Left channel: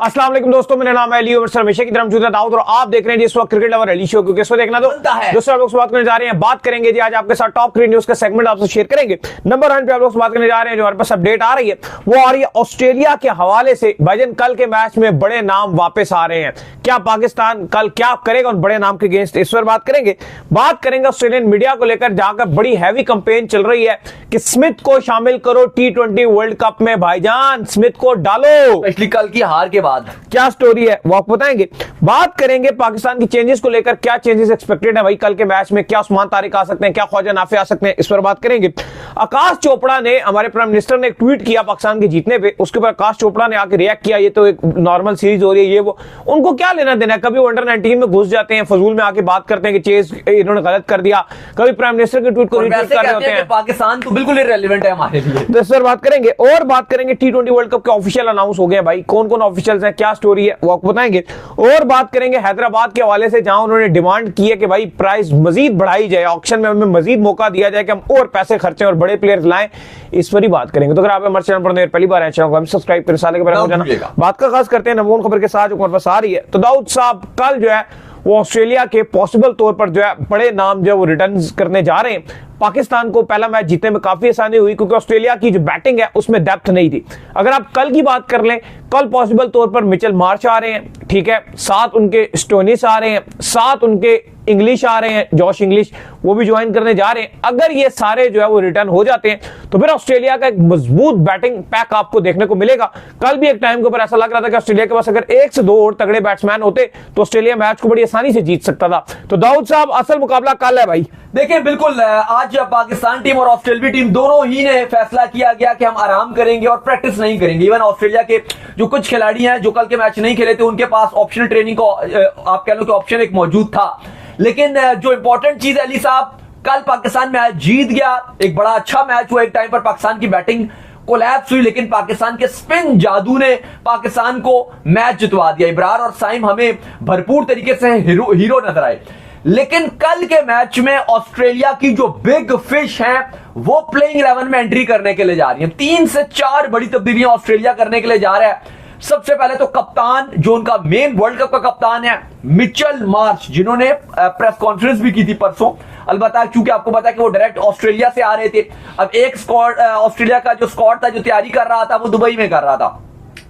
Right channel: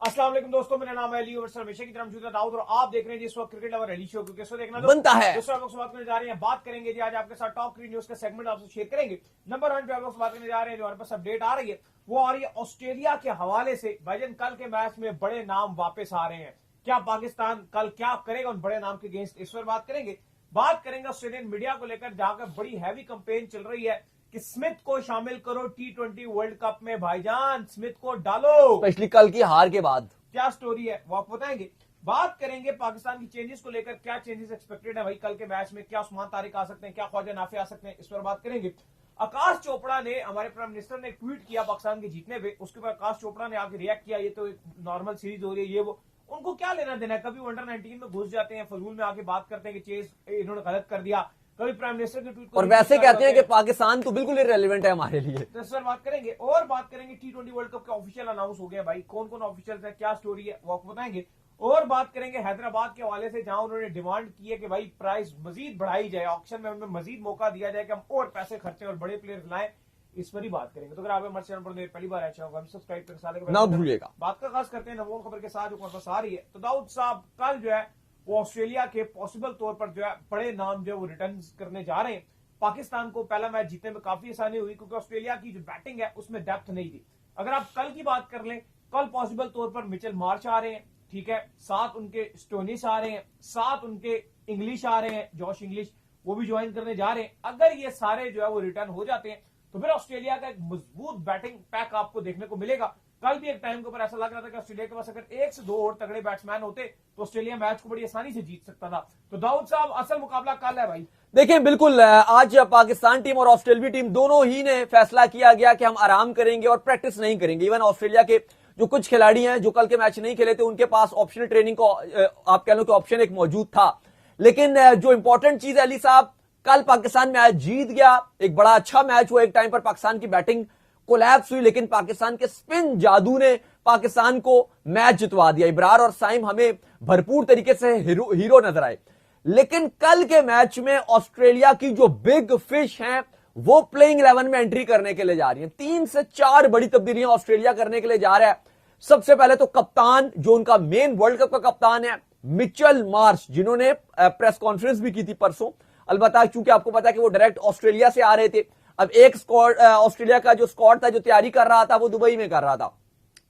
अस्सलाम वालेकुम दोस्तों, मेरा नाम है अली उमर सर, हमेशा की तरह मौजूद है दाऊद और आप देख रहे हैं जिस वक्त क्रिकेट लवर अली शो, क्योंकि इसको देखना तो बनता है। दोस्तों आप लोग से बात करने जा रहे हैं, बात करेंगे जी आज आपके साथ टॉप क्रिकेट न्यूज का सेगमेंट आपसे शेयर करेंगे। नंबर 1 पे आप लोग से बात करने जा रहे हैं, जो हमारे पास अपडेट आ रही है वो आ रही है ऑस्ट्रेलिया के हवाले से। भाईजान कल के मैच में बड़े नाम वापस आ रहे हैं, क्या पाकिस्तान कल क्या करेगा उन बड़े नाम के अगेंस्ट, इस पर बात करेंगे ऑस्ट्रेलियन मीडिया को लेकर, जहां बड़ी हैवी कंपेन चल रही है कि स्मिथ को शामिल करो T20 वर्ल्ड कप में। भाईजान स्मिथ को डालो, स्पेशली कल की हार के बाद। क्या स्टोरी है वो आपको बताएंगे। बात करेंगे पाकिस्तान की चेंजेस को लेकर, क्या चेंजेस एक्सपेक्टेड है भाई कल के मैच में, क्या उस्मान तारिक आ सकते हैं, क्या ख्वाजा नाफे आ सकते हैं, इस पर बात करेंगे। आकाश चोपड़ा ने, हमारे प्राइम मिनिस्टर ने एक ट्वीट किया पाकिस्तान के जीतने पे, उसके ऊपर आकाश चोपड़ा ने आके रिएक्ट किया, ये तो एक नॉर्मल सीरीज हो रही है, ये वो, उनको क्या लेना देना है। कभी वो अंडर 19 में घुस जाते हैं, फजूल में आके बात करते हैं कि चेज इन्होंने गलत कर दिया, कभी प्राइम मिनिस्टर के ट्वीट को रीट्वीट कर रहे होते हैं। पाकिस्तान तो बिल्कुल इररिलेवेंट है हमारे लिए। तो इस पर बात करेंगे और बात करेंगे T20 वर्ल्ड कप के ऑफिशियल अनाउंस हो गए भाई, कौन कौन ऑफिशियल्स हैं, क्या स्टोरी है वो आपको बताएंगे। और बात करेंगे हैदराबाद के हवाले से, जहां उन्होंने डिमांड की है कि भाई प्राइस मजीद बढ़ाई जाए, ऑक्शन में हमें मजीद मौका दिया जाए कि हम और पैसे खर्चें और बड़े प्लेयर्स लाएं, इस पर ही बात करेंगे। तो अगर आप हमारे चैनल पर पहली बार आए, चैनल को सब्सक्राइब करें, साले के बारे में जाना। बात का खास करते हैं नमून खबर के साथ जो हमारे पास आ रही है। तो दाऊद साहब कल जो है वो ऑस्ट्रेलिया के पॉसिबल तौर पर जो है बड़े नाम जो है वो रिटर्न करने जा रहे हैं। पाकिस्तान को पहला मैच जीतने में काफी आसानी हुई क्योंकि ऑस्ट्रेलिया की जो बैटिंग है उसमें डेप्थ नहीं थी। अगर आप कल की बात कर लें, कल पॉसिबल तौर पर मिचेल मार्श आ रहे हैं, ठीक है, साथ उनके स्टोनिस आ रहे हैं, साथ उनके इंग्लिश आ रहे हैं, जॉश इंग्लिश, वो भी ज्वाइन करने जा रहे हैं। अगर ये सारे जो है वो रिटर्न हो जाते हैं तो फिर ऑस्ट्रेलिया का एक मजबूत बैटिंग पैक आपको देखने को मिलेगा। कल भी एक टाइम के ऊपर ऐसा लग रहा था कि ऑस्ट्रेलिया के पास अगर 1 से 2 और तगड़े बैट्समैन होते तो ऑस्ट्रेलिया मैच को बड़ी आसानी से जीत सकता था। तो दाऊद साहब असल मुकाबला कल है भाई। देखिए बिल्कुल, आज पाकिस्तान टीम और ऑस्ट्रेलिया टीम दोनों ही ने फैसला किया गया कि हम आराम करेंगे और प्रैक्टिस नहीं करेंगे। इवन ऑस्ट्रेलिया के जो कुछ खिलाड़ी हैं जो कल के मैच नहीं खेले थे, उनके पास ऑप्शनल ट्रेनिंग को आप कह लो कि ऑप्शन एक मौजूद था। लेकिन जो इंपॉर्टेंट चीज है अली साहब, कल पाकिस्तान मैच जीत गया, एक बड़ा अच्छा मैच हुआ। एक टाइम पर पाकिस्तान की बैटिंग कोलैप्स हुई, लेकिन पाकिस्तान के स्पिन जादू ने पाकिस्तान को मैच जितवा दिया। इब्रार और साइम हमें भरपूर तरीके से हीरो नजर आए। लेकिन कल के मैच में ऑस्ट्रेलिया की जो बिग फिश है वो प्लेइंग 11 में एंट्री करने के लिए जा रही है। 3 से 4 बड़ी तब्दीलियां ऑस्ट्रेलिया करने के लिए जा रहा है। सबसे पहले तो कप्तान, जो उनका मेन वर्ल्ड कप का कप्तान है मिचेल मार्श, जिन्होंने प्रेस कॉन्फ्रेंस भी की थी परसों, अलबत्ता क्योंकि आपको पता है कि वो डायरेक्ट ऑस्ट्रेलिया से आ रहे थे। अब एक स्क्वाड, ऑस्ट्रेलिया का जो स्क्वाड था जो तैयारी कर रहा था वो दुबई में कर रहा था।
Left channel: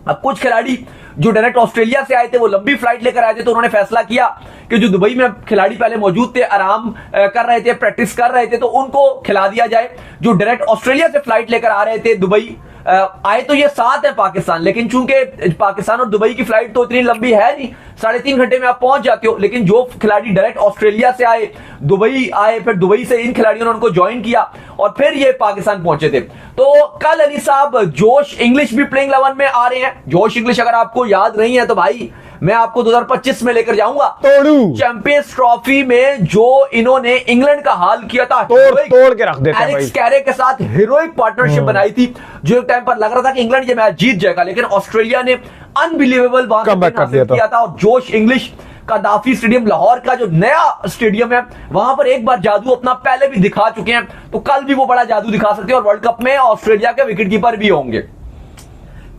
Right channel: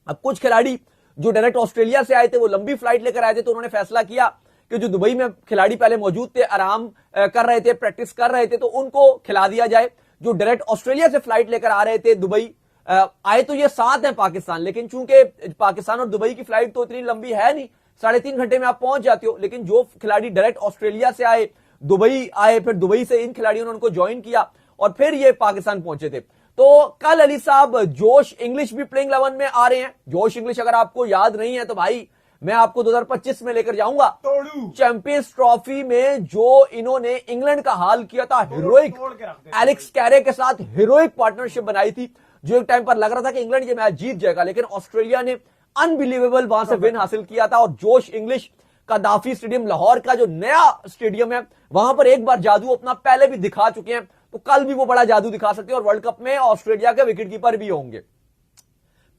अब कुछ खिलाड़ी जो डायरेक्ट ऑस्ट्रेलिया से आए थे वो लंबी फ्लाइट लेकर आए थे, तो उन्होंने फैसला किया कि जो दुबई में खिलाड़ी पहले मौजूद थे, आराम कर रहे थे, प्रैक्टिस कर रहे थे, तो उनको खिला दिया जाए। जो डायरेक्ट ऑस्ट्रेलिया से फ्लाइट लेकर आ रहे थे दुबई, आए तो ये साथ है पाकिस्तान, लेकिन चूंकि पाकिस्तान और दुबई की फ्लाइट तो इतनी लंबी है नहीं, 3.5 घंटे में आप पहुंच जाते हो। लेकिन जो खिलाड़ी डायरेक्ट ऑस्ट्रेलिया से आए, दुबई आए, फिर दुबई से इन खिलाड़ियों ने उनको ज्वाइन किया और फिर ये पाकिस्तान पहुंचे थे। तो कल अली साहब जोश इंग्लिश भी प्लेइंग 11 में आ रहे हैं। जोश इंग्लिश अगर आपको याद नहीं है तो भाई मैं आपको 2025 में लेकर जाऊंगा चैंपियंस ट्रॉफी में, जो इन्होंने इंग्लैंड का हाल किया था, तोड़ के रख देते एलेक्स कैरे के साथ हीरोइक पार्टनरशिप बनाई थी, जो एक टाइम पर लग रहा था कि इंग्लैंड ये मैच जीत जाएगा, लेकिन ऑस्ट्रेलिया ने अनबिलीवेबल वहां से विन हासिल किया था। और जोश इंग्लिश कदाफी स्टेडियम, लाहौर का जो नया स्टेडियम है, वहां पर एक बार जादू अपना पहले भी दिखा चुके हैं, तो कल भी वो बड़ा जादू दिखा सकते हैं और वर्ल्ड कप में ऑस्ट्रेलिया के विकेटकीपर भी होंगे।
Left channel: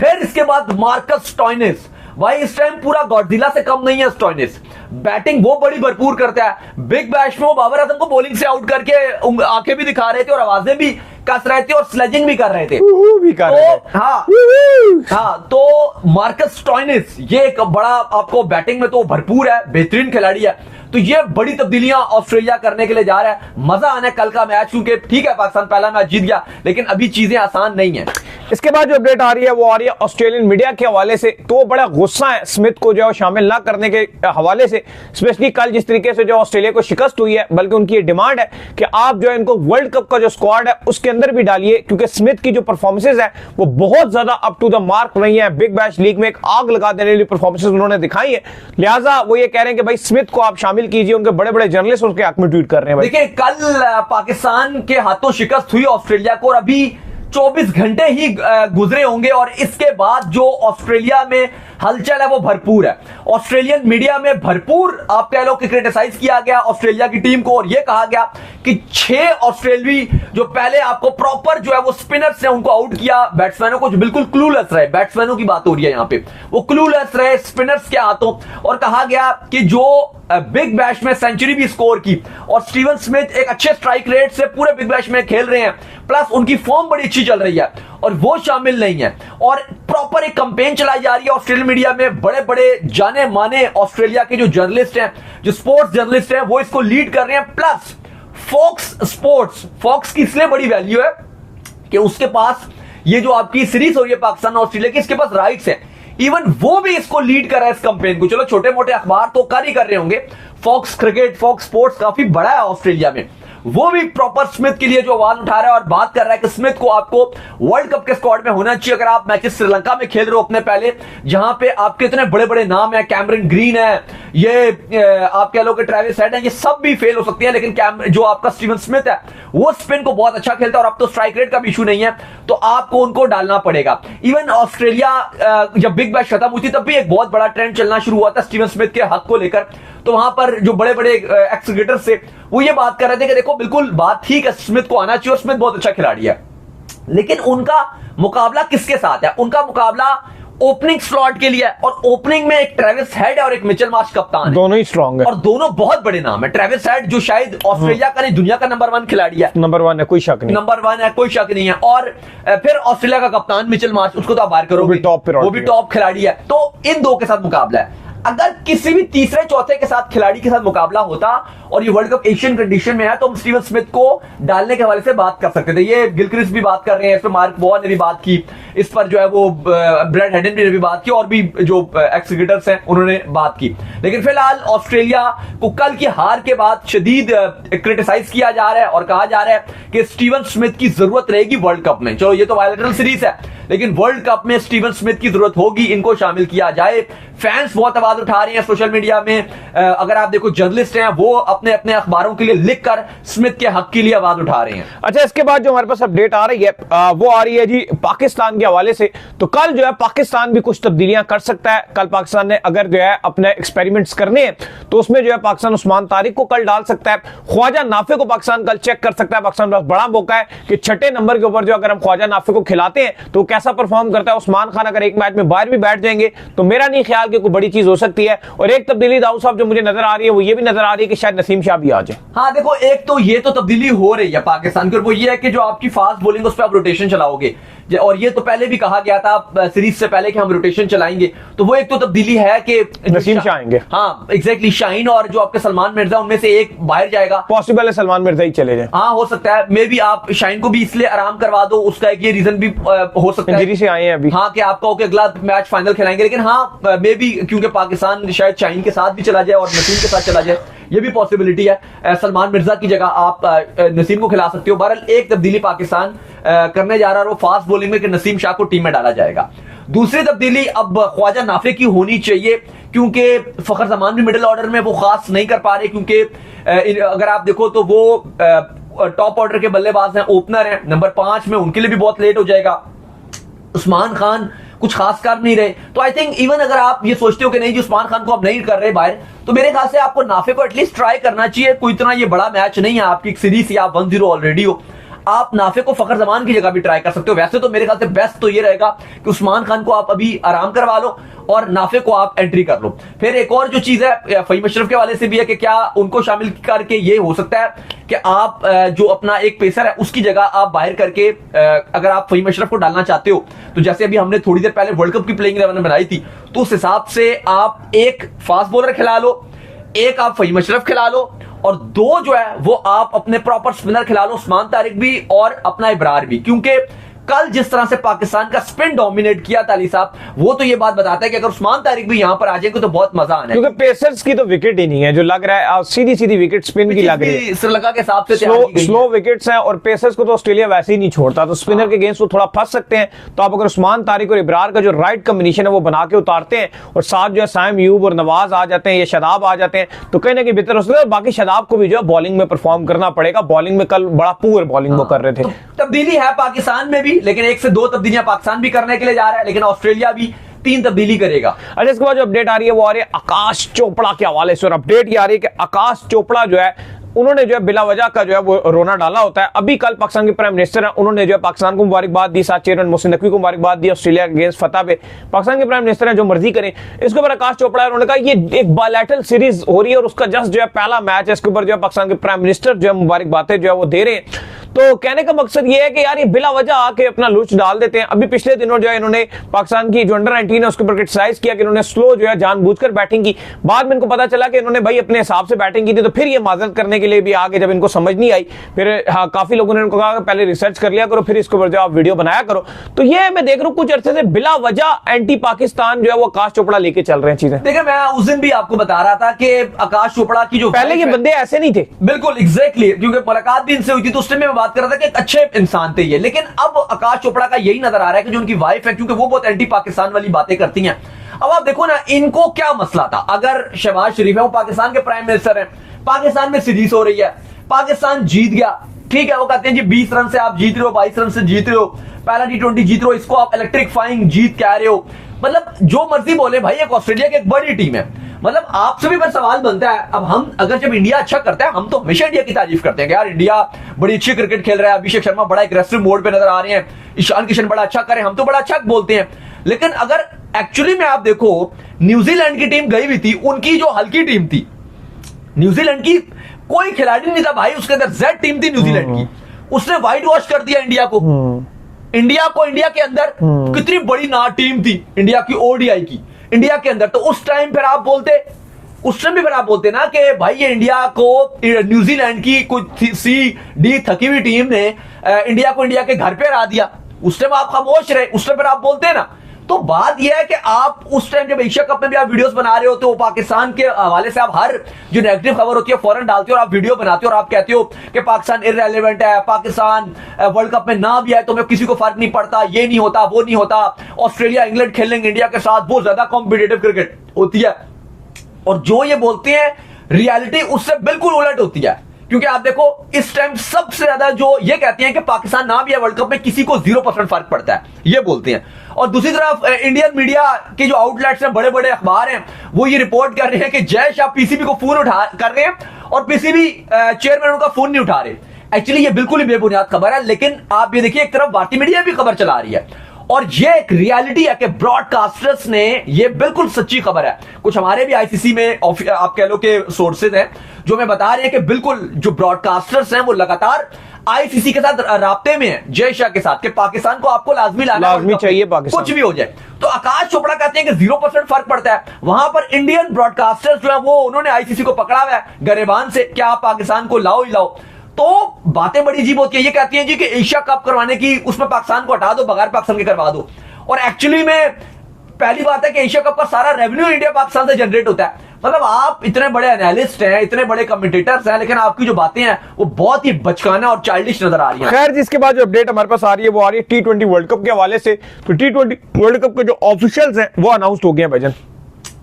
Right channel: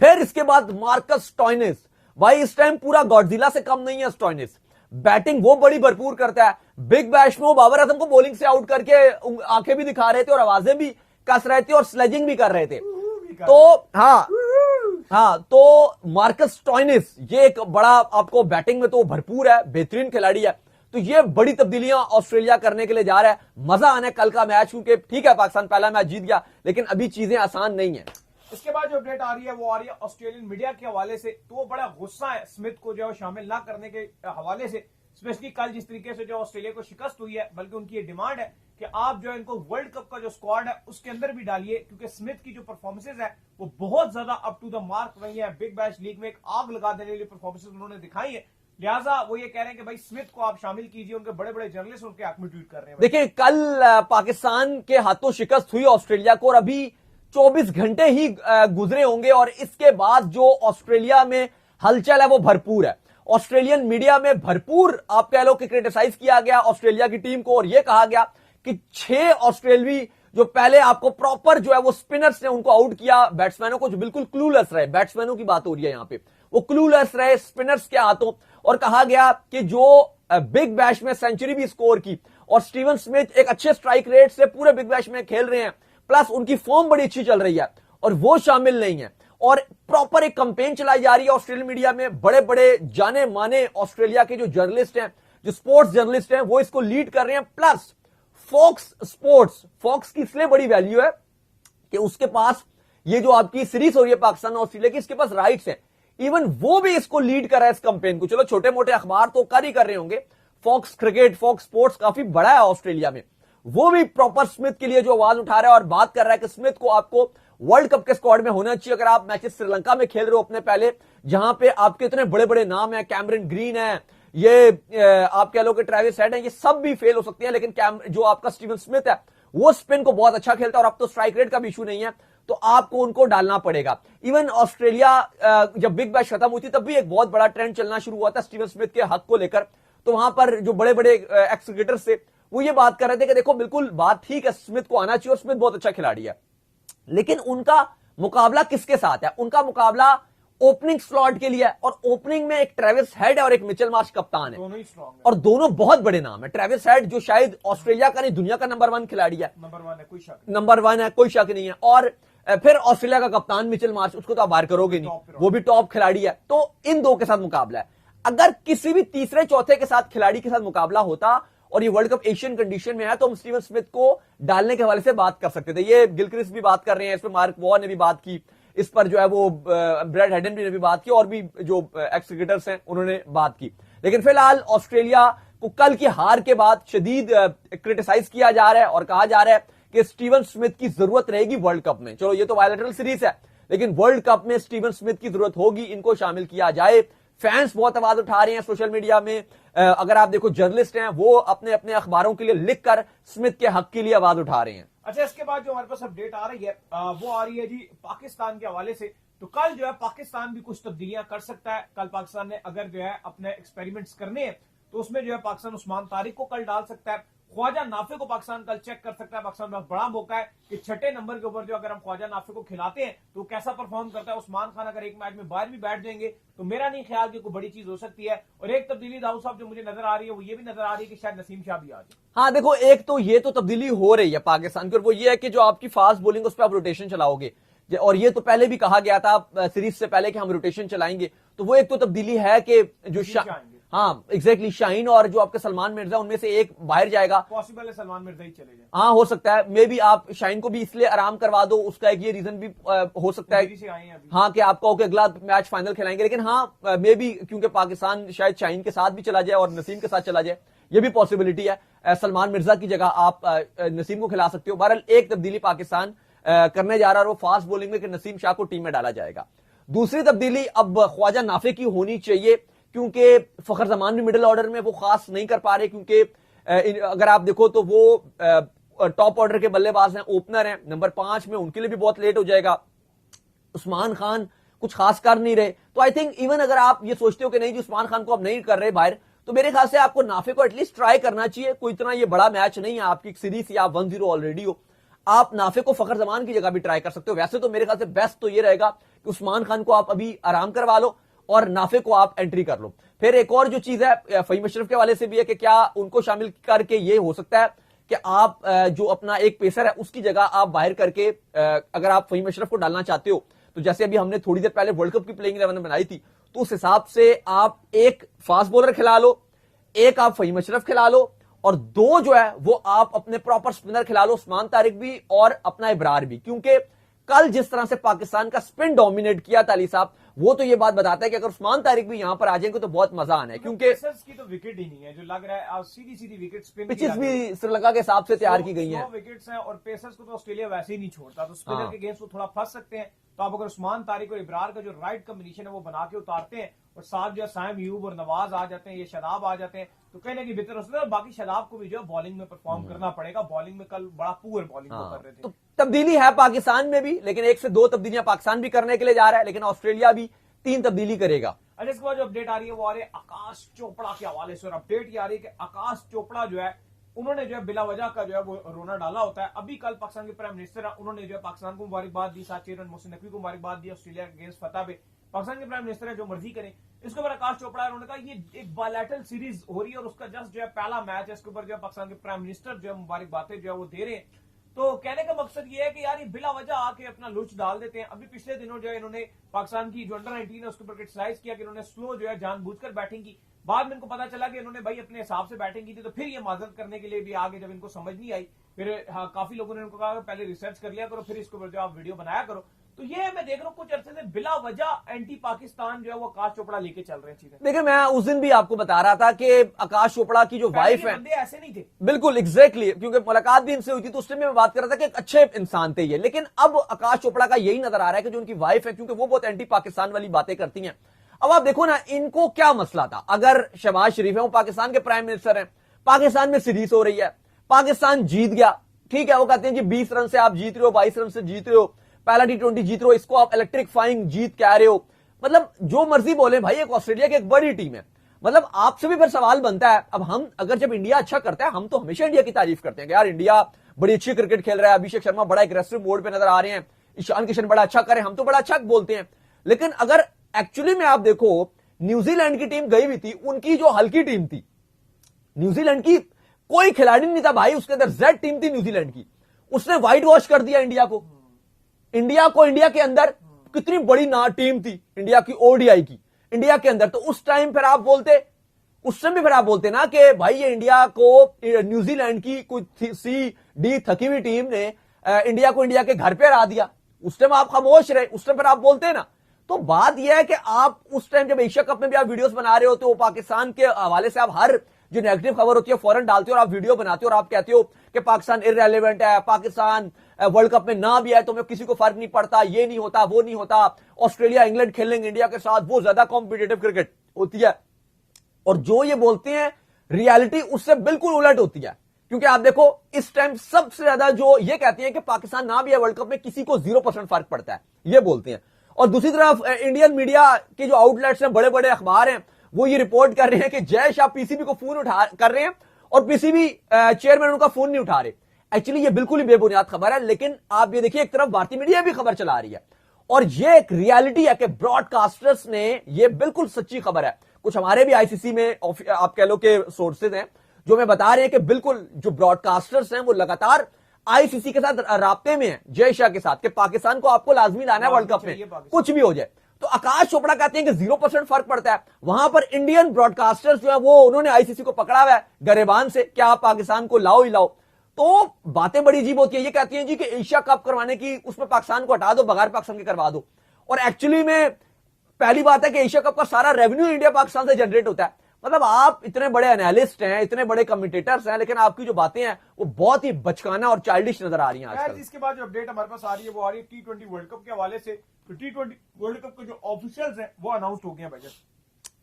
फिर इसके बाद मार्कस स्टोइनिस, भाई इस टाइम पूरा गॉडजिला से कम नहीं है स्टोइनिस। बैटिंग वो बड़ी भरपूर करता है। बिग बैश में वो बाबर आजम को बॉलिंग से आउट करके आंखें भी दिखा रहे थे और आवाजें भी कस रहे थे और स्लेजिंग भी कर रहे थे। तो मार्कस स्टोइनिस ये एक बड़ा, आपको बैटिंग में तो भरपूर है, बेहतरीन खिलाड़ी है। तो ये बड़ी तब्दीलियां ऑस्ट्रेलिया करने के लिए जा रहा है। मजा आना है कल का मैच, क्योंकि ठीक है पाकिस्तान पहला मैच जीत गया, लेकिन अभी चीजें आसान नहीं है। इसके बाद जो अपडेट आ रही है वो आ रही है ऑस्ट्रेलियन मीडिया के हवाले से। तो बड़ा गुस्सा है स्मिथ को जो शामिल ना करने के हवाले से, स्पेशली कल जिस तरीके से जो ऑस्ट्रेलिया को शिकस्त हुई है, बल्कि उनकी ये डिमांड है कि आप जो है इनको वर्ल्ड कप का जो स्क्वाड है उसके अंदर भी डालिए, क्योंकि स्मिथ की जो परफॉर्मेंसेज है वो बहुत ज्यादा अप टू द मार्क नहीं है। बिग बैश लीग में एक आग लगा देने वाली परफॉर्मेंसेज उन्होंने दिखाई है, लिहाजा वो ये कह रहे हैं कि भाई स्मिथ को आप शामिल कीजिए। उनके बड़े बड़े जर्नलिस्ट उसके हक में ट्वीट कर रहे हैं। देखिए कल पाकिस्तान के हाथों शिकस्त हुई ऑस्ट्रेलिया को, और अभी 24 घंटे ही गुजरे होंगे और इसके बाद जो ऑस्ट्रेलिया में हलचल है वो भरपूर है। ऑस्ट्रेलियन मीडिया में भरपूर आप कह लो कि क्रिटिसाइज किया गया ऑस्ट्रेलिया की टीम को और यह कहा गया कि 6 ऑस्ट्रेलियाई जो पहले आपको प्रॉपर जो है वो स्पिनर्स ने उनको आउट किया, बैट्समैनों को जो बिल्कुल क्लूलेस रहे, बैट्समैनों की बात हो रही है यहां पे, वो क्लूलेस रहे स्पिनर्स के हाथों, और कहा गया कि जो बिग बैश में सेंचुरी भी स्कोर की और स्टीवन स्मिथ एक अच्छे स्ट्राइक रेट से पूरे बिग बैश में खेल रहे हैं, प्लस उनकी फॉर्म बड़ी अच्छी चल रही है और वो शामिल नहीं है, और प्रॉपर एक कैंपेन चलाई जा रही है ऑस्ट्रेलियन मीडिया में। बड़े बड़े जाने माने ऑस्ट्रेलिया के जो जर्नलिस्ट हैं, जो स्पोर्ट्स जर्नलिस्ट हैं, वो इसको लीड कर रहे हैं। प्लस फॉक्स की इसलिए बड़ी वैल्यू है कि उसके पास ये जो आपकी सीरीज हो रही है पाकिस्तान ऑस्ट्रेलिया की, इसके पास राइट्स है। इवन वो भी इसको लीड कर रहा है इस कैंपेन को। चलो छोटे मोटे अखबार तो कर ही कर रहे होंगे, फॉक्स क्रिकेट, फॉक्स स्पोर्ट्स काफी बड़ा है ऑस्ट्रेलिया में, वो भी प्रॉपर स्मिथ के लिए जो आवाज उठा रहा है और बात कर रहा है कि स्मिथ को आपको वर्ल्ड कप के स्क्वाड में होना चाहिए। अगर आप मैचेस श्रीलंका में खेल रहे हो अपने पहले, जहां पे आपके इतने बड़े बड़े नाम है, कैमरन ग्रीन है, ये आप कह लो कि ट्रेविस हेड है, ये सब भी फेल हो सकती है, लेकिन जो आपका स्टीवन स्मिथ है वो स्पिन को बहुत अच्छा खेलता है और अब तो स्ट्राइक रेट का भी इशू नहीं है, तो आपको उनको डालना पड़ेगा। इवन ऑस्ट्रेलिया जब बिग बैश खत्म हुई थी तब भी एक बहुत बड़ा ट्रेंड चलना शुरू हुआ था स्टीवन स्मिथ के हक को लेकर, तो वहां पर जो बड़े बड़े एक्स क्रिकेटर्स थे वो ये बात कर रहे थे कि देखो बिल्कुल बात ठीक है, स्मिथ को आना चाहिए और स्मिथ बहुत अच्छा खिलाड़ी है, लेकिन उनका मुकाबला किसके साथ है? उनका मुकाबला ओपनिंग स्लॉट के लिए है, और ओपनिंग में एक ट्रेविस हेड है और एक मिचेल मार्श कप्तान है, दोनों ही स्ट्रांग है और दोनों बहुत बड़े नाम है। ट्रेविस हेड जो शायद ऑस्ट्रेलिया का नहीं दुनिया का नंबर 1 खिलाड़ी है, नंबर 1 है, कोई शक नहीं, नंबर 1 है, कोई शक नहीं है। और फिर ऑस्ट्रेलिया का कप्तान मिचेल मार्श, उसको तो आप बाहर करोगे, वो भी टॉप खिलाड़ी है। तो इन दो के साथ मुकाबला है। अगर किसी भी तीसरे चौथे के साथ खिलाड़ी के साथ मुकाबला होता और ये वर्ल्ड कप एशियन कंडीशन में है, तो हम स्टीवन स्मिथ को डालने के हवाले से बात कर सकते थे। ये गिलक्रिस्ट भी बात कर रहे हैं, इस पर मार्क वॉर ने भी बात की, इस पर जो है वो ब्रैड हेडन ने भी बात की, और भी जो एक्स क्रिकेटर्स हैं उन्होंने बात की। लेकिन फिलहाल ऑस्ट्रेलिया को कल की हार के बाद शदीद क्रिटिसाइज किया जा रहा है और कहा जा रहा है कि स्टीवन स्मिथ की जरूरत रहेगी वर्ल्ड कप में। चलो ये तो बायलैटरल सीरीज है, लेकिन वर्ल्ड कप में स्टीवन स्मिथ की जरूरत होगी, इनको शामिल किया जाए। फैंस बहुत आवाज उठा रहे हैं सोशल मीडिया में, अगर आप देखो जर्नलिस्ट हैं वो अपने अपने अखबारों के लिए लिखकर स्मिथ के हक के लिए आवाज उठा रहे हैं। अच्छा, इसके बाद जो हमारे पास अपडेट आ रही है वो आ रही है जी पाकिस्तान के हवाले से। तो कल जो है पाकिस्तान भी कुछ तब्दीलियां कर सकता है। कल पाकिस्तान ने अगर जो है अपने एक्सपेरिमेंट्स करने हैं तो उसमें जो है पाकिस्तान उस्मान तारिक को कल डाल सकता है, ख्वाजा नाफे को पाकिस्तान कल चेक कर सकता है। पाकिस्तान के पास बड़ा मौका है कि 6 नंबर के ऊपर जो अगर हम ख्वाजा नाफे को खिलाते हैं तो कैसा परफॉर्म करता है। उस्मान खान अगर एक मैच में बाहर भी बैठ जाएंगे तो मेरा नहीं ख्याल कि कोई बड़ी चीज हो सकती है। और एक तब्दीली दाऊद साहब जो मुझे नजर आ रही है वो ये भी नजर आ रही है कि शायद नसीम शाह भी आ जाए। हाँ देखो, एक तो ये तो तब्दीली हो रही है पाकिस्तान की, और वो ये है कि जो आपकी फास्ट बॉलिंग उस पर आप रोटेशन चलाओगे, और ये तो पहले भी कहा गया था सीरीज से पहले कि हम रोटेशन चलाएंगे, तो वो एक तो तब्दीली है कि नसीम शाह आएंगे। हाँ एग्जैक्टली, शाहीन और जो आपके सलमान मिर्जा उनमें से एक बाहर जाएगा। पॉसिबल है सलमान मिर्जा ही चले जाए। हाँ हो सकता है, मे बी आप शाहीन को भी इसलिए आराम करवा दो, उसका एक ये रीजन भी हो सकता है से आए हैं अभी। हाँ कि आपका ओके अगला मैच फाइनल खिलाएंगे, लेकिन हाँ मे बी क्योंकि पाकिस्तान शायद शाहीन के साथ भी चला जाए और नसीम के साथ चला जाए, ये भी पॉसिबिलिटी है। सलमान मिर्जा की जगह आप नसीम को खिला सकते हो। बहरहाल एक तब्दीली पाकिस्तान करने जा रहा है, वो फास्ट बॉलिंग में कि नसीम शाह को टीम में डाला जाएगा। दूसरी तब्दीली अब ख्वाजा नाफे की होनी चाहिए, क्योंकि फखर जमान भी मिडिल ऑर्डर में वो खास नहीं कर पा रहे, क्योंकि अगर आप देखो तो वो टॉप ऑर्डर के बल्लेबाज हैं, ओपनर हैं, नंबर 5 में उनके लिए भी बहुत लेट हो जाएगा। उस्मान खान कुछ खास कर नहीं रहे, तो आई थिंक इवन अगर आप ये सोचते हो कि नहीं जी उस्मान खान को आप नहीं कर रहे बाहर, तो मेरे ख्याल से आपको नाफे को एटलीस्ट ट्राई करना चाहिए। कोई इतना ये बड़ा मैच नहीं है, आपकी एक सीरीज या आप 1-0 ऑलरेडी हो, आप नाफे को फखर जमान की जगह भी ट्राई कर सकते हो। वैसे तो मेरे ख्याल से बेस्ट तो ये रहेगा कि उस्मान खान को आप अभी आराम करवा लो और नाफे को आप एंट्री कर लो। फिर एक और जो चीज है फहीम अशरफ के हवाले से भी है कि क्या उनको शामिल करके ये हो सकता है कि आप जो अपना एक पेसर है उसकी जगह आप बाहर करके अगर आप फहीम अशरफ को डालना चाहते हो, तो जैसे अभी हमने थोड़ी देर पहले वर्ल्ड कप की प्लेइंग 11 बनाई थी, तो उस हिसाब से आप एक फास्ट बॉलर खिला लो, एक आप फहीम अशरफ खिला लो, और 2 जो है वो आप अपने प्रॉपर स्पिनर खिला लो, उस्मान तारिक भी और अपना इब्रार भी। क्योंकि कल जिस तरह से पाकिस्तान का स्पिन डोमिनेट किया था अली साहब, वो तो ये बात बताता है कि अगर उस्मान तारिक भी यहां पर आ जाएंगे तो बहुत मजा आना है। क्योंकि पेसर्स की तो विकेट ही नहीं है, जो लग रहा है सीधी सीधी विकेट स्पिन की लग रही है, श्रीलंका के हिसाब से स्लो विकेट्स हैं, और पेसर्स को तो ऑस्ट्रेलिया वैसे ही नहीं छोड़ता, तो स्पिनर के अगेंस्ट वो थोड़ा फंस सकते हैं। तो आप अगर उस्मान तारिक और इब्रार का जो राइट कॉम्बिनेशन है वो बना के उतारते हैं, और साथ जो है साइम यूब और नवाज आ जाते हैं या शादाब आ जाते हैं, तो कहीं ना कहीं बेहतर हो सकता है। बाकी शादाब को भी जो है बॉलिंग में परफॉर्म करना पड़ेगा। बॉलिंग में कल बड़ा पुअर बॉलिंग वो कर रहे थे। तब्दीली है पाकिस्तान में भी भी, लेकिन 1 से 2 तब्दीलियां पाकिस्तान भी करने के लिए जा रहा है, लेकिन ऑस्ट्रेलिया भी 3 तब्दीली करेगा। अच्छा, इसके बाद जो अपडेट आ रही है वो आ रही है आकाश चोपड़ा के हवाले से, और अपडेट ये आ रही है कि आकाश चोपड़ा जो है उन्होंने जो है बिला वजह का जो है वो रोना डाला होता है। अभी कल पाकिस्तान के प्राइम मिनिस्टर हैं, उन्होंने जो है पाकिस्तान को मुबारकबाद दी, साथ चेयरमैन मोहसिन नकवी को मुबारकबाद दी ऑस्ट्रेलिया के अगेंस्ट फतह पे। पाकिस्तान के प्राइम मिनिस्टर हैं, जो मर्जी करें। इसके ऊपर आकाश चोपड़ा उन्होंने कहा ये एक बायलैटरल सीरीज हो रही है और उसका जस्ट जो है पहला मैच है, इसके ऊपर जो है पाकिस्तान के प्राइम मिनिस्टर जो है मुबारकबादें जो है वो दे रहे हैं। तो कहने का मकसद ये है कि यार ये बिला वजह आके अपना लूच डाल देते हैं। अभी पिछले दिनों जो है इन्होंने पाकिस्तान की जो अंडर 19 है उसके ऊपर क्रिटिसाइज किया कि इन्होंने स्लो जो है जानबूझकर बैटिंग की। बाद में इनको पता चला कि इन्होंने भाई अपने हिसाब से बैटिंग की थी, तो फिर ये माजरत करने के लिए भी आगे जब इनको समझ नहीं आई, फिर हाँ, काफी लोगों ने इनको कहा कि पहले रिसर्च कर लिया करो, फिर इसके ऊपर जो आप वीडियो बनाया करो। तो ये मैं देख रहा हूँ कुछ अरसे से बिला वजह एंटी पाकिस्तान जो है वो आकाश चोपड़ा लेके चल रहे हैं चीजें। देखिए, मैं उस दिन भी आपको बता रहा था कि आकाश चोपड़ा की जो पहले ये बंदे ऐसे नहीं थे, बिल्कुल एग्जैक्टली, क्योंकि मुलाकात भी इनसे हुई थी तो उस टाइम मैं बात कर रहा था कि एक अच्छे इंसान थे ये, लेकिन अब आकाश चोपड़ा का यही नजर आ रहा है कि जो उनकी वाइफ है, क्योंकि वो बहुत एंटी पाकिस्तान वाली बातें करती हैं। अब आप देखो ना, इनको क्या मसला था? अगर शहबाज शरीफ है, वो पाकिस्तान के प्राइम मिनिस्टर हैं, पाकिस्तान में सीरीज हो रही है, पाकिस्तान जीत गया, ठीक है, वो कहते हैं जी 20 रन से आप जीत रहे हो, 22 रन से जीत रहे हो, पहला T20 जीत रहे हो, इसको आप इलेक्ट्रिफाइंग जीत कह रहे हो। मतलब जो मर्जी बोले भाई, एक ऑस्ट्रेलिया की एक बड़ी टीम है। मतलब आपसे भी फिर सवाल बनता है, अब हम अगर जब इंडिया अच्छा करता है, हम तो हमेशा इंडिया की तारीफ करते हैं कि यार इंडिया बड़ी अच्छी क्रिकेट खेल रहा है, अभिषेक शर्मा बड़ा एग्रेसिव मोड पे नजर आ रहे हैं, ईशान किशन बड़ा अच्छा करे, हम तो बड़ा अच्छा बोलते हैं। लेकिन अगर एक्चुअली में आप देखो, न्यूजीलैंड की टीम गई हुई थी, उनकी जो हल्की टीम थी, न्यूजीलैंड की कोई खिलाड़ी नहीं था भाई, उसके अंदर जेड टीम थी न्यूजीलैंड की, उसने व्हाइट वॉश कर दिया इंडिया को। इंडिया के अंदर कितनी बड़ी ना टीम थी इंडिया की, ओडीआई की इंडिया के अंदर। तो उस टाइम फिर आप बोलते, उस टाइम भी फिर आप बोलते ना कि भाई ये इंडिया को, न्यूजीलैंड की कुछ सी-डी थकी हुई टीम ने इंडिया को इंडिया के घर पे हरा दिया। उस टाइम आप खामोश रहे, उस टाइम फिर आप बोलते ना। तो बात यह है कि आप उस टाइम जब एशिया कप में भी आप वीडियोस बना रहे होते हो, पाकिस्तान के हवाले से आप हर जो नेगेटिव खबर होती है फौरन डालते हो और आप वीडियो बनाते हो और आप कहते हो कि पाकिस्तान इररिलेवेंट है, पाकिस्तान वर्ल्ड कप में ना भी आए तो मैं किसी को फर्क नहीं पड़ता, ये नहीं होता, वो नहीं होता, ऑस्ट्रेलिया इंग्लैंड खेलेंगे इंडिया के साथ, वो ज्यादा कॉम्पिटिटिव क्रिकेट होती है। और जो ये बोलते हैं रियलिटी उससे बिल्कुल उलट होती है, क्योंकि आप देखो इस टाइम सबसे ज्यादा जो ये कहते हैं कि पाकिस्तान ना भी है वर्ल्ड कप में, किसी को 0% फर्क पड़ता है, ये बोलते हैं। और दूसरी तरफ इंडियन मीडिया के जो आउटलेट्स हैं, बड़े बड़े अखबार हैं, वो ये रिपोर्ट कर रहे हैं कि जय शाह पीसीबी को फोन उठा कर रहे हैं और पीसीबी चेयरमैन उनका फोन नहीं उठा रहे। एक्चुअली ये बिल्कुल ही बेबुनियाद खबर है, लेकिन आप ये देखिए एक तरफ भारतीय मीडिया भी खबर चला रही है और ये एक रियलिटी है कि ब्रॉडकास्टर्स ने, ये बिल्कुल सच्ची खबर है, कुछ हमारे भी आईसीसी में आप कह लो कि सोर्सेज हैं जो हमें बता रहे हैं कि बिल्कुल जो ब्रॉडकास्टर्स हैं वो लगातार आईसीसी के साथ राब्ते में है, जय शाह के साथ, कि पाकिस्तान को आपको लाजमी लाना चाहिए, पाकिस्तान कुछ भी हो जाए। तो आकाश चोपड़ा कहते हैं कि 0% फर्क पड़ता है। वहां पर इंडियन ब्रॉडकास्टर्स जो है वो उन्होंने आईसीसी को पकड़ा हुआ है गरेबान से, क्या आप पाकिस्तान को लाओ ही लाओ। तो बातें बड़ी अजीब होती है, ये कहती हैं जी कि एशिया कप करवाने की उसमें पाकिस्तान को हटा दो, बगैर पाकिस्तान के करवा दो। और एक्चुअली में पहली बात है कि एशिया कप का सारा रेवेन्यू इंडिया पाकिस्तान से जनरेट होता है। मतलब आप इतने बड़े एनालिस्ट हैं, इतने बड़े कमेंटेटर्स हैं, लेकिन आपकी जो बातें हैं वो बहुत ही बचकाना और चाइल्डिश नजर आ रही हैं। खैर, जिसके बाद जो अपडेट हमारे पास आ रही है वो आ रही है T20 वर्ल्ड कप के हवाले से। तो T20 वर्ल्ड कप के जो ऑफिशियल्स हैं वो अनाउंस हो गए हैं भाईजान।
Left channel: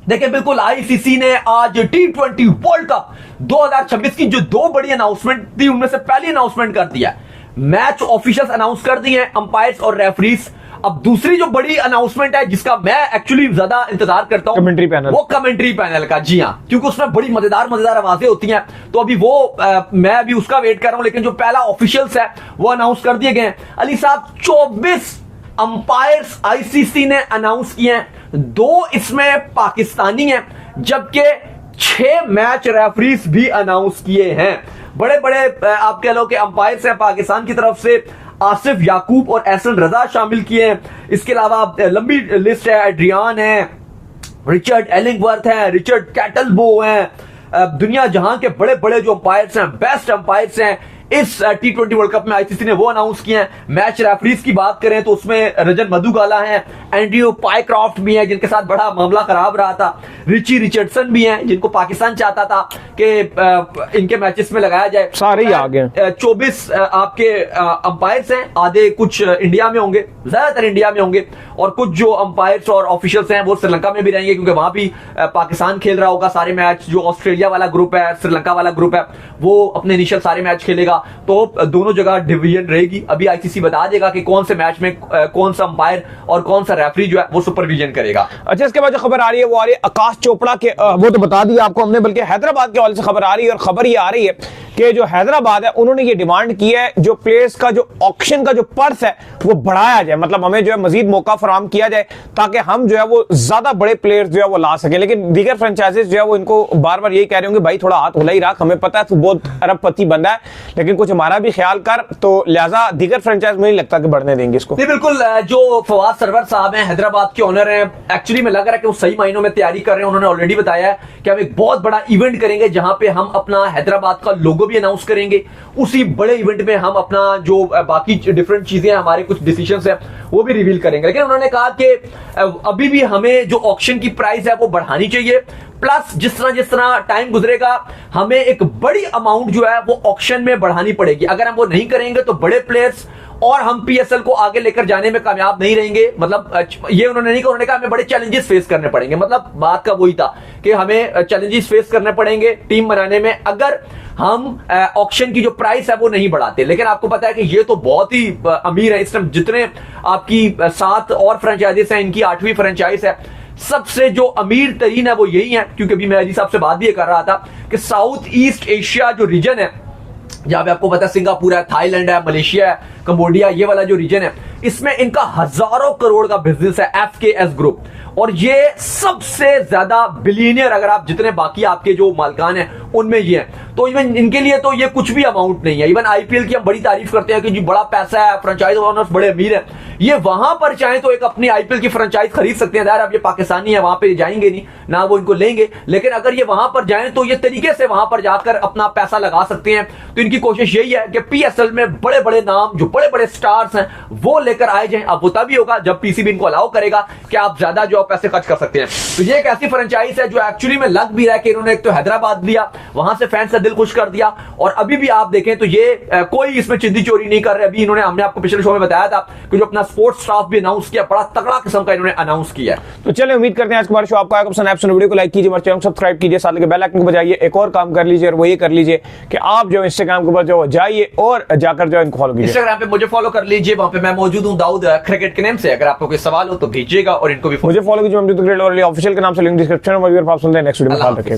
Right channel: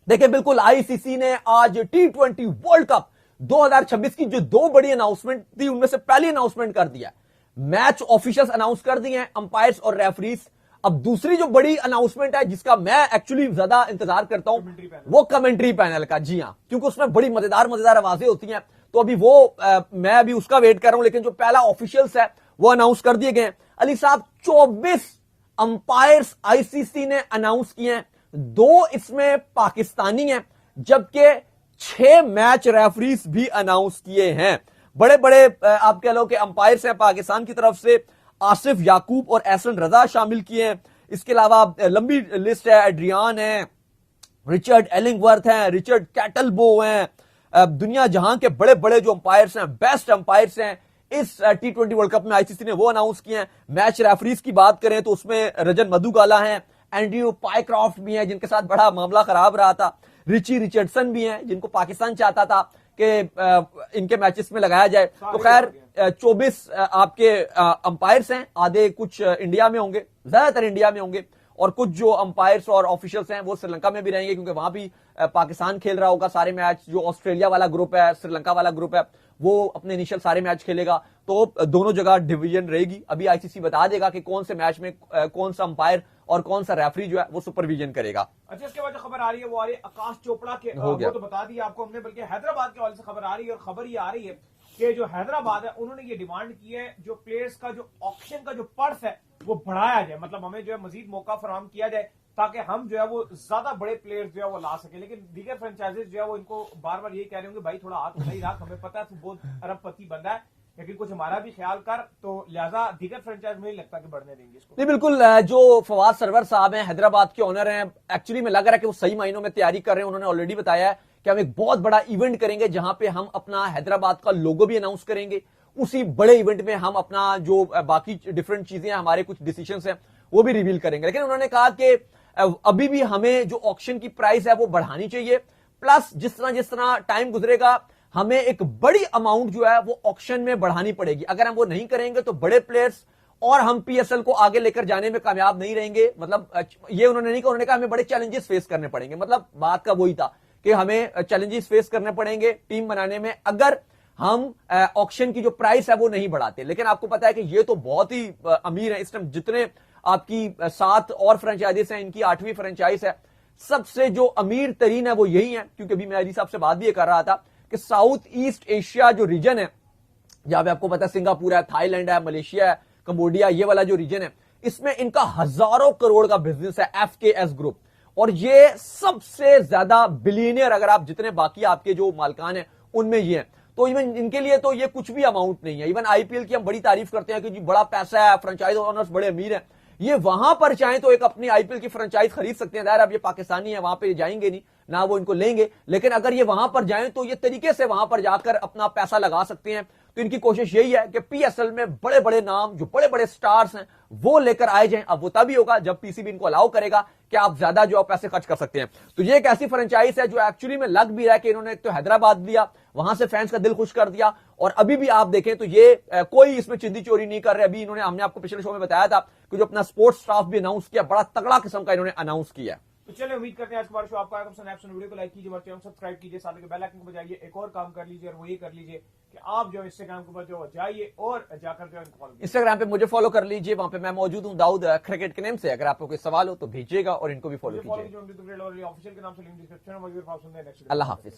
देखिए, बिल्कुल आईसीसी ने आज T20 वर्ल्ड कप 2026 की जो 2 बड़ी अनाउंसमेंट थी उनमें से पहली अनाउंसमेंट कर दिया। मैच ऑफिशियल्स अनाउंस कर दिए, अंपायर्स और रेफरीज। अब दूसरी जो बड़ी अनाउंसमेंट है जिसका मैं एक्चुअली ज्यादा इंतजार करता हूं, कमेंट्री पैनल, वो कमेंट्री पैनल का। जी हां, क्योंकि उसमें बड़ी मजेदार आवाजें होती हैं, तो अभी वो मैं अभी उसका वेट कर रहा हूं। लेकिन जो पहला ऑफिशियल्स है वो अनाउंस कर दिए गए। अली साहब, 24 अंपायर्स आईसीसी ने अनाउंस किए हैं, 2 इसमें पाकिस्तानी हैं, जबकि 6 मैच रेफरीज भी अनाउंस किए हैं। बड़े बड़े आप कह लो कि अंपायर्स हैं पाकिस्तान की तरफ से, आसिफ याकूब और एहसन रजा शामिल किए हैं। इसके अलावा लंबी लिस्ट है, एड्रियान है, रिचर्ड एलिंगवर्थ है, रिचर्ड कैटलबो हैं, दुनिया जहां के बड़े बड़े जो अंपायर्स हैं, बेस्ट अंपायर्स हैं इस T20 वर्ल्ड कप में, आईसीसी ने वो अनाउंस किए हैं। मैच रेफरीज की बात करें तो उसमें रजन मधुगाला हैं, एंड्रयू पाइक्रॉफ्ट भी हैं जिनके साथ बड़ा मामला खराब रहा था, रिची रिचर्डसन भी हैं जिनको पाकिस्तान चाहता था कि इनके मैचेस में लगाया जाए। सारे ही आ गए। 24 आपके अंपायर्स हैं, आधे कुछ इंडिया में होंगे, ज्यादातर इंडिया में होंगे, और कुछ जो अंपायर्स और ऑफिशियल्स हैं वो श्रीलंका में भी रहेंगे, क्योंकि वहां भी पाकिस्तान खेल रहा होगा सारे मैच। जो ऑस्ट्रेलिया वाला ग्रुप है, श्रीलंका वाला ग्रुप है, वो अपने इनिशियल सारे मैच खेलेगा। तो दोनों जगह डिवीजन रहेगी। अभी आईसीसी बता देगा कि कौन से मैच में कौन सा अंपायर और कौन सा रेफरी जो है वो सुपरविजन करेगा। अच्छा, इसके बाद जो खबर आ रही है वो आ रही है आकाश चोपड़ा के, वो तो बता दिया आपको हमने, बल्कि हैदराबाद के हवाले से खबर आ रही है। और खबर ये आ रही है कि जो हैदराबाद है उन्होंने ये डिमांड की है जो प्लेयर्स का जो ऑक्शन का जो पर्स है वो बढ़ाया जाए, मतलब हमें जो है मजीद मौका फराहम किया जाए ताकि हम जो है वो ज्यादा बड़े प्लेयर्स जो है वो ला सके। लेकिन दीगर फ्रेंचाइजेस जो है वो इनको बार बार यही कह रहे होंगे भाई थोड़ा हाथ हिला ही रख, हमें पता है तू बहुत अरबपति बंदा है लेकिन कुछ हमारा भी ख्याल कर। तो लिहाजा दीगर फ्रेंचाइज में नहीं लगता कि बढ़ने देंगे इसको। नहीं, बिल्कुल। जो फवाद सरवर साहब हैं, हैदराबाद के ओनर हैं, एक्चुअली में लग रहा है कि वो सही मायनों में तैयारी कर रहे हैं। उन्होंने ऑलरेडी बताया है कि हम एक बहुत बड़ा इवेंट करेंगे जहां पे हम अपना हैदराबाद का लोगो भी अनाउंस करेंगे। उसी बड़े इवेंट में हम अपना जो बाकी डिफरेंट चीजें, हमारे कुछ डिसीजंस हैं वो भी रिवील करेंगे। लेकिन उन्होंने कहा कि अभी भी हमें जो ऑक्शन की प्राइस है वो बढ़ानी चाहिए, प्लस जिस तरह टाइम गुजरेगा हमें एक बड़ी अमाउंट जो है वो ऑक्शन में बढ़ानी पड़ेगी। अगर हम वो नहीं करेंगे तो बड़े प्लेयर्स और हम पीएसएल को आगे लेकर जाने में कामयाब नहीं रहेंगे। मतलब ये उन्होंने नहीं कहा, उन्होंने कहा हमें बड़े चैलेंजेस फेस करने पड़ेंगे। मतलब बात का वही था कि हमें चैलेंजेस फेस करने पड़ेंगे टीम बनाने में अगर हम ऑक्शन की जो प्राइस है वो नहीं बढ़ाते। लेकिन आपको पता है कि ये तो बहुत ही अमीर है इस टाइम, जितने आपकी 7 और फ्रेंचाइजीज हैं, इनकी 8वीं फ्रेंचाइज है। सबसे जो अमीर तरीन है वो यही है, क्योंकि अभी मैं अजी साहब से बात भी कर रहा था कि साउथ ईस्ट एशिया जो रीजन है, जहां पे आपको पता है सिंगापुर है, थाईलैंड है, मलेशिया है, कंबोडिया, ये वाला जो रीजन है, इसमें इनका हजारों करोड़ का बिजनेस है, एफकेएस ग्रुप। और ये सबसे ज्यादा बिलियनियर, अगर आप जितने बाकी आपके जो मालिकान हैं उनमें ये है। तो इवन इनके लिए तो ये कुछ भी अमाउंट नहीं है। इवन आईपीएल की हम बड़ी तारीफ करते हैं कि जी बड़ा पैसा है, फ्रेंचाइज ओनर्स बड़े अमीर है। ये वहां पर चाहे तो एक अपनी आईपीएल की फ्रेंचाइज खरीद सकते हैं। यार अब ये पाकिस्तानी है, वहां पे जाएंगे नहीं ना, वो इनको लेंगे। लेकिन अगर ये वहां पर जाएं तो ये तरीके से वहां पर जाकर अपना पैसा लगा सकते हैं। तो इनकी कोशिश यही है कि पीएसएल में बड़े बड़े नाम, जो बड़े बड़े स्टार्स हैं, वो लेकर आए जाएं। अब वो तभी होगा जब पीसीबी इनको अलाउ करेगा कि आप ज्यादा जो पैसे खर्च कर सकते हैं। तो ये एक ऐसी फ्रेंचाइज है जो एक्चुअली में लग भी रहा है कि इन्होंने एक तो हैदराबाद लिया, वहां से फैंस का दिल खुश कर दिया, और अभी भी आप देखें तो ये कोई इसमें चिंदी चोरी नहीं कर रहे। अभी इन्होंने, हमने आपको पिछले शो में बताया था कि जो अपना स्पोर्ट्स स्टाफ भी अनाउंस किया, बड़ा तगड़ा किस्म का इन्होंने अनाउंस किया। तो चलिए उम्मीद करते हैं आज हमारे शो आपको आएगा पसंद। आप वीडियो को लाइक कीजिए, हमारे चैनल को सब्सक्राइब कीजिए, साथ में बेल आइकन को बजाइए। एक और काम कर लीजिए और वो ये कर लीजिए कि आप जो इंस्टाग्राम के ऊपर जो जाइए और जाकर जो इनको फॉलो कीजिए। इंस्टाग्राम पे मुझे फॉलो कर लीजिए, वहां पे मैं मौजूद हूं दाऊद क्रिकेट के नाम से। अगर आपको कोई सवाल हो तो भेजिएगा और इनको भी मुझे फॉलो कीजिए, ऑफिशियल के नाम से, लिंक डिस्क्रिप्शन में। आप सुनते हैं नेक्स्ट वीडियो में, ख्याल रखिएगा।